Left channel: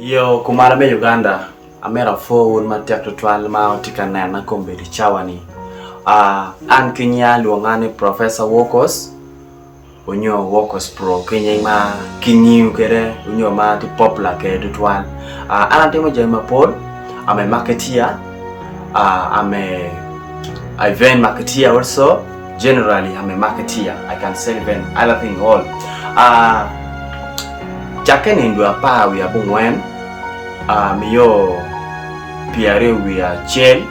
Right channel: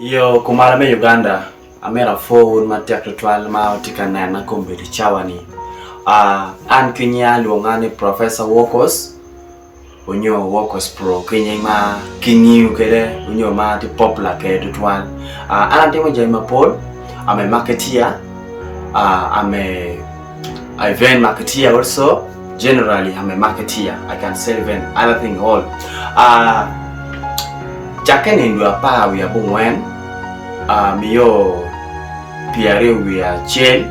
Yo kumalame Uganda amera phone matek twal ma otika na kombe di chawani an kinya luongane Profesa Wokoz unyo Wokoz pro kinya ma kinyu kere unyo ma di popular kere twal ana temo jaima pod ame marketeer ame event marketeer also. Generally I'm a marketeer. I can sell event other thing all Jaken indua pa we are bungwen miyo piare we are chain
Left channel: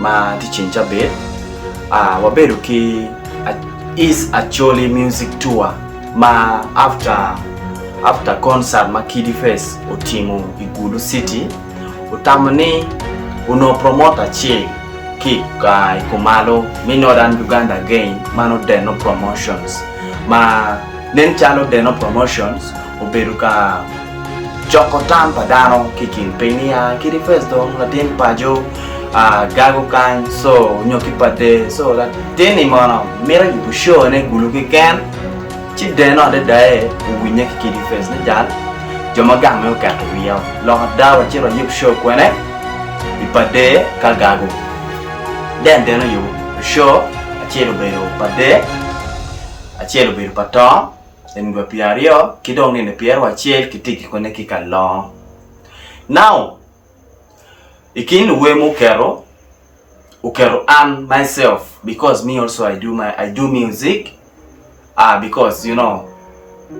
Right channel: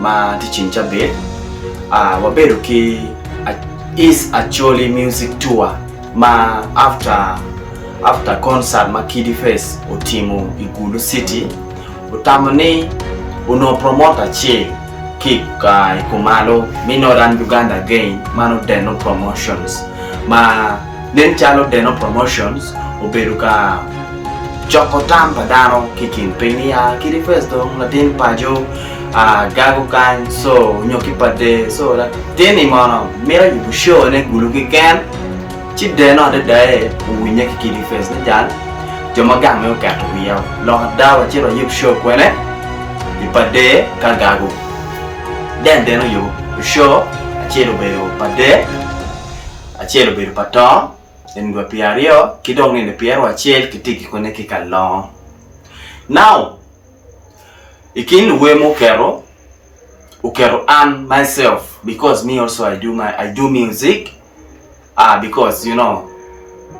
ma tichincha bed wabedo ki is Acholi music tour ma after concert ma Kiddy face otimo Igulu city utamani uno promoter chain ki kumalo minodan Uganda again mano Deno promotions ma nen chalo Deno promotions oberuka Joko tampa dano kikin penia Kiddy face dong latin pajo gago kan so nyoki pate so that teni mana mera yubu show ne guluki ken chi Deno de dae uwinya Kiddy face ne jan joma gang me ka to wiyo lo dawa chiro yubu show kwene ipade ka gago den Deno yu show achiro beyo pade achiro beyo pato Ngwa piario kidong ni piaro achiel kitiki kone kikalong. Now ikin wemo ukero and myself because me also I do music because you know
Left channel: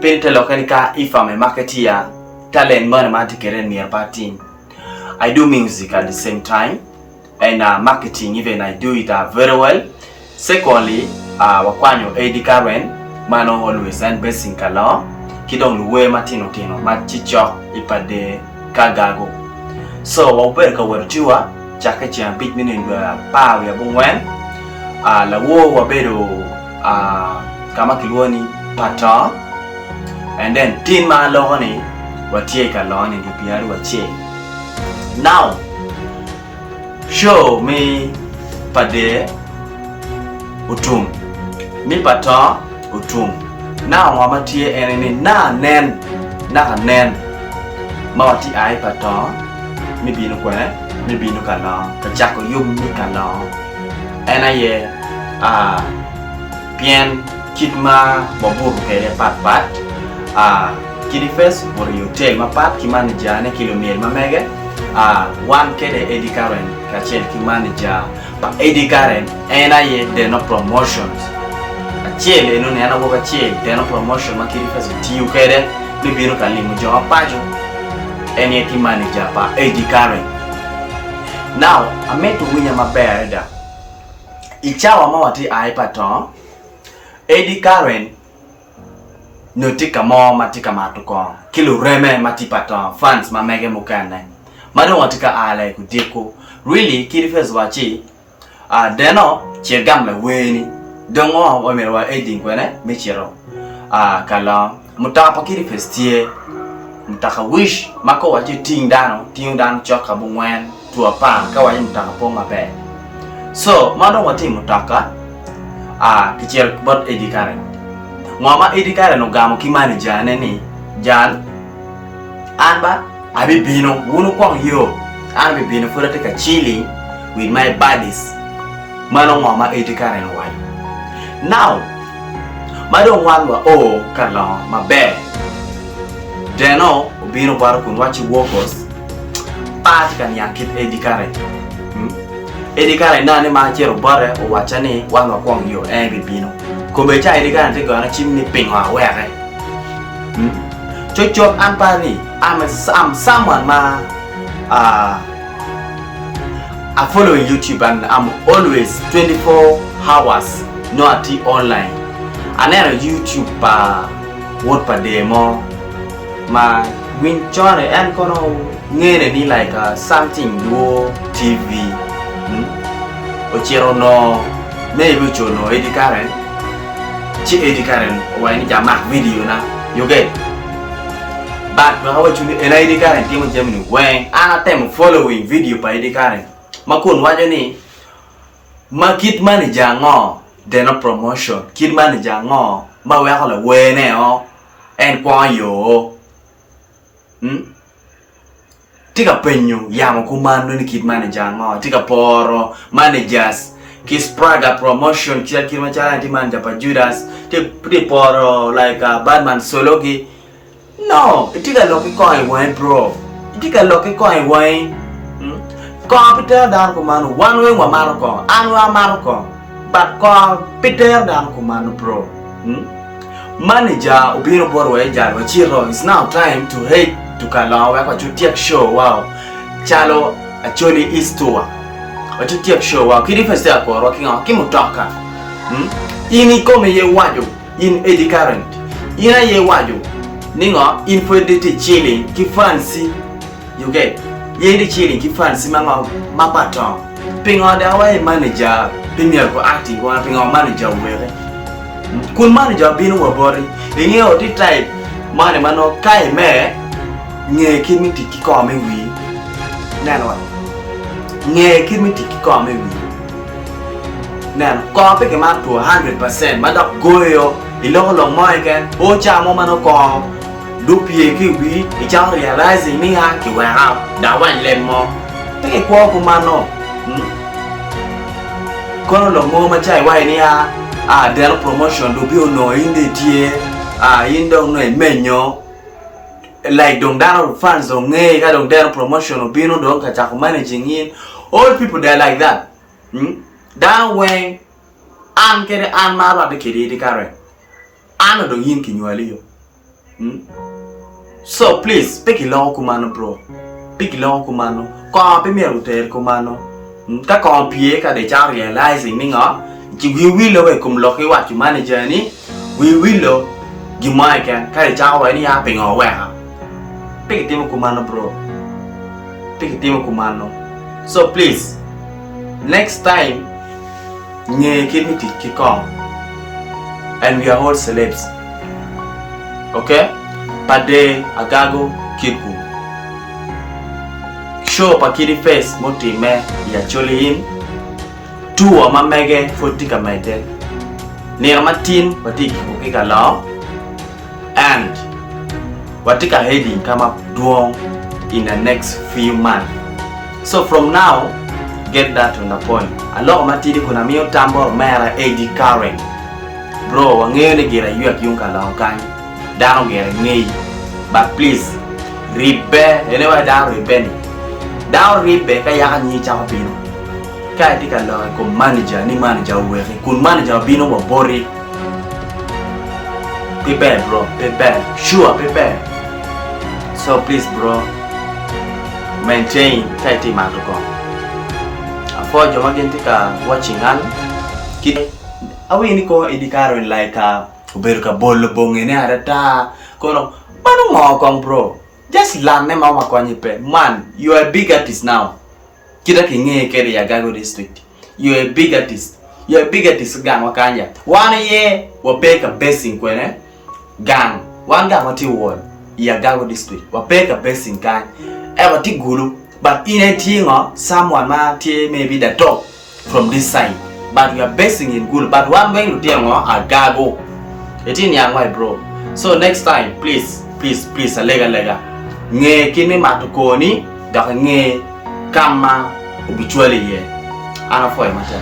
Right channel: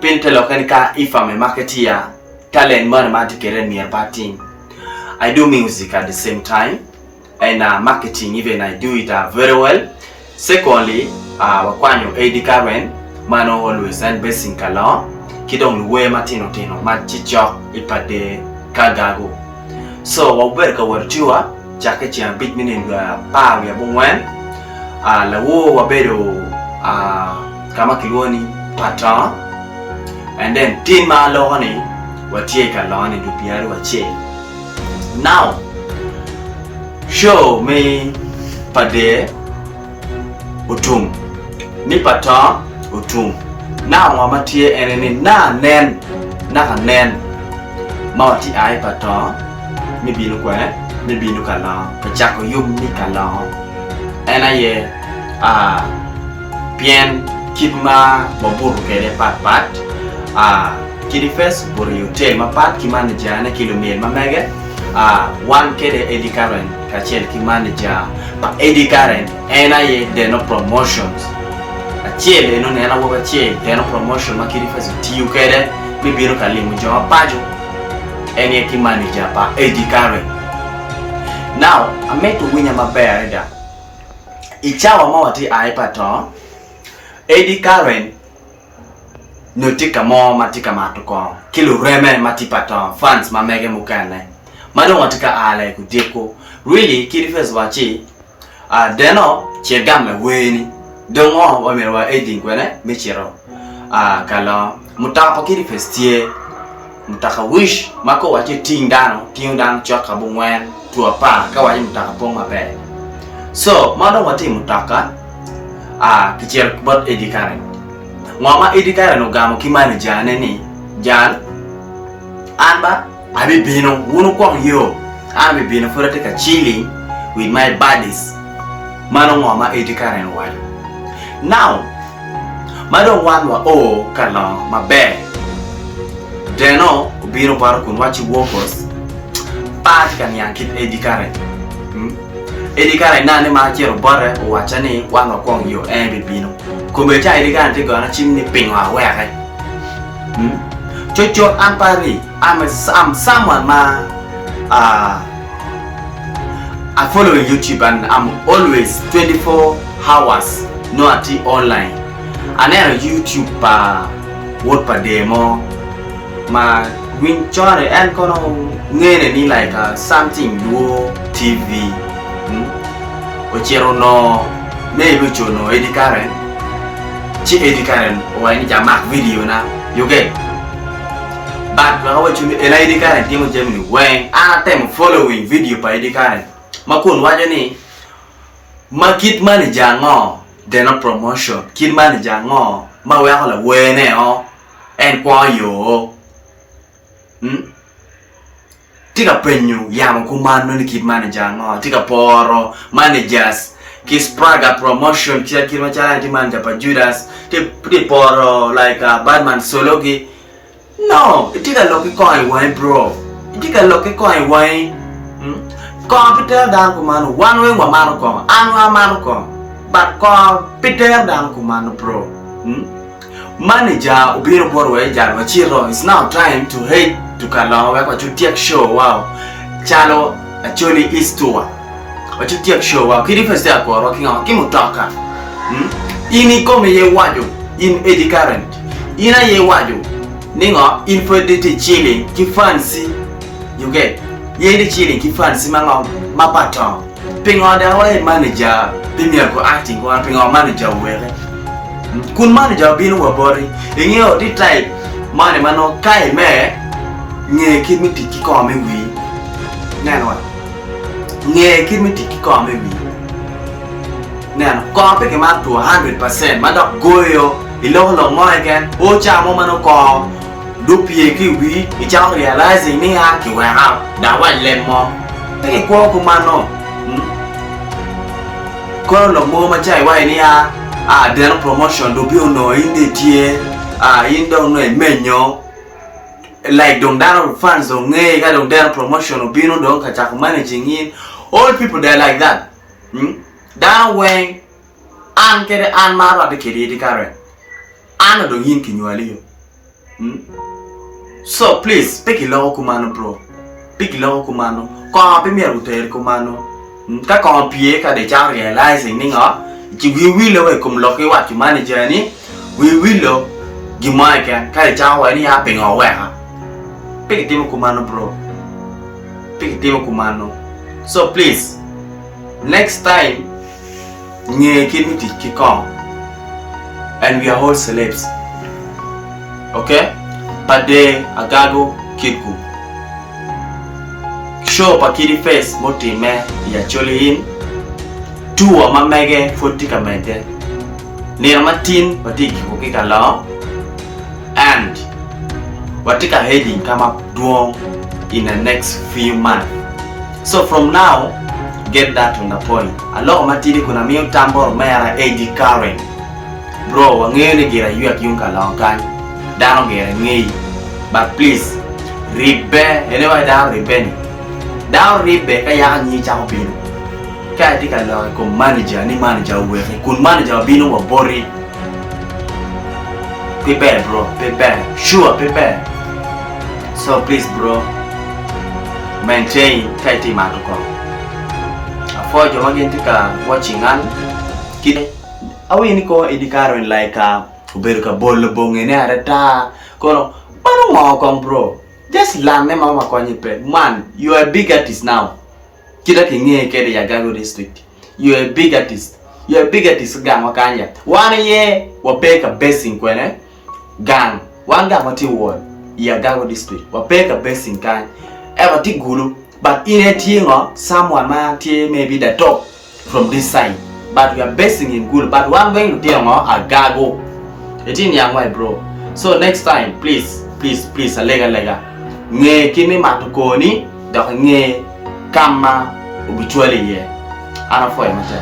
pentelo kanika if I'm a marketeer talent man matikere near party I do music at the same time and marketing even I do it very well. Secondly wakwanyo Eddy mano always and basing kala kidong luwe matino machicho ipade kagago so waberka warjua chake chia big minindwa pa ya bungwen lawo wabedo kama kilwoni pata and then tin ma lohoni watie kaloni ndu piari wache now show me pade utum mi pata utum na wamatie enene na nen mawati ai pato mi binu kala pachako yum mi kala enaye pien kitma maburu kere pat Kiddy face buru hotel mapat kimane jane kilomil mamege one kede Eddy kachel kimane ja pa Eddy enaye Deno promotions Achele no ne ana woga che Deno promotion ma Kiddy face tiu kede mi binu kalimu joma pajo eni ki manager pa Eddy now ameto winya maber da ichawa mawati ai pato Eddy notika mo matika matuko kilo reme matipato fans mamege mukane mado watika ale kudeko really Kiddy face wachi Deno chegamla weni dongo wamerwa Eddy kwene michiro kala mutaka Kiddy festie mutaka wish mako wache ting dano choka bungwen tuapa kawaje mutaka pong mabe so mado wati mutaka kichel bot Eddy ngoma Eddy no gamo kimani jane ni jan anba abi bino wunu kwang yo abi bino furate ka chilling with my buddies mano ngoma Eddy no wali now madong wanwa kala mabe Deno ubino baro kun wachi Wokoz pati kan yankit Eddy Eddy nane ma chero bare o wachani wanwa kwang yo bibino kumbe cha Eddy te gona chimni pingwa were chocho ampari am someone ma I follow YouTube and I'm always 24 hours not online and then YouTube word pa demo ma win chore and kono ngene ni like something do TV ochero no maybe chono Eddy chi Eddy o ni jama video na you get but how you Eddy timo Germany when ana time following video pa Eddy makun wajo ni makit manager ngo Deno promotion kid manager ngo ma we akola we ne en kwa yo tika penyu yamo kumano ni kid manager ngo tika poro managers ki spraga promotion kia kilma chala di manager pa Judas ti poro like badman sologi no tika loki ko ai wai bro tika loki ko ai wai computer dan kumano one way wa marko anwa marko but ko peter dan kumano bro manager ubiro boro e jalo chiro it's now time to hate to kalawa kwa chutiak show wow chalo Acholi is tour kwa chutiak show wow kidi first ya kwa working on kimutoka ini kome ye wajo in Eddy current ina ye wajo ningo infidelity chilling ki fancy you get ye de chilling ki fancy manga mapato pingo da wa manager premier ko acting ko pingo manager were kun manager binu wa bori ingeo di type mane mano kai me nghe khi mình thích có mấy vị nè rồi nghe khi mình thích có mấy vị nè có cái map to 100% mà đọc goyo ilo lo mai cái ô cha mo mà nó có đúc bia cái vị thì cháu realize ni ha cái wa ha đã wa lem mo cái qua của mà nó có lo mo mà chạy wa ni ha Deno promotion do bio no in the tie in don no menyo like dong down fans dong ngay ka dong down promotion of bino dong ka chak managing in all people they like that down when an kere an maro de kere de kare an dong yin kinwali yo so please pick long kumano bro pick long kumano ko pe mi ruter kumano ka ko pie ka de cha realizing ni ngo ji we will we kum lo ke wa ki manager ni we will lo gi mai ka de cha wa ni ya pe ngo wa ha pick team kumano bro pick team kumano so please next time nye kimiti kikong and we are all celebs okay pade agago kiku show pa Kiddy face motime ya Acholi in tuwa mamege fotika mede nira matin patiki kukika lao and watika heading kama duong in the next few months. So from now, get that on the point. A lot of matidi kuna miyo tambo mera Eddy current. Bro, wangeyo ni gira yuak yung kalawang dano gira ngay. But please, ribe, anyway dao ribe ni. Dao ribe kaya nyi chao bino. Kaya di kalawang kung manager ni manager uweke. Kung manager bino wabori. Prepare bro, prepare. Sure, prepare. So please bro, maintain kaiti matuko. For you again tika watching an kid awi ni ko Eddy current like uberuka bolo bongene arata kono manu ngokong bro just learn ne mama kwanye pe man you are a big artist now kita kinge kere ya Gago district you are a big artist gang wakanya one year wapeka basing kwene gang one gang mati wall ya Gago district wapeka basing kan ever tigulu. But in a tingo, someone maybe the top from this side. But we are basing in good. But one way to tell a gago. It's in young way, bro. So next time, please, a lega. Nge kimi matukoni, daka nge kama ubituali ye. Ana foye mate.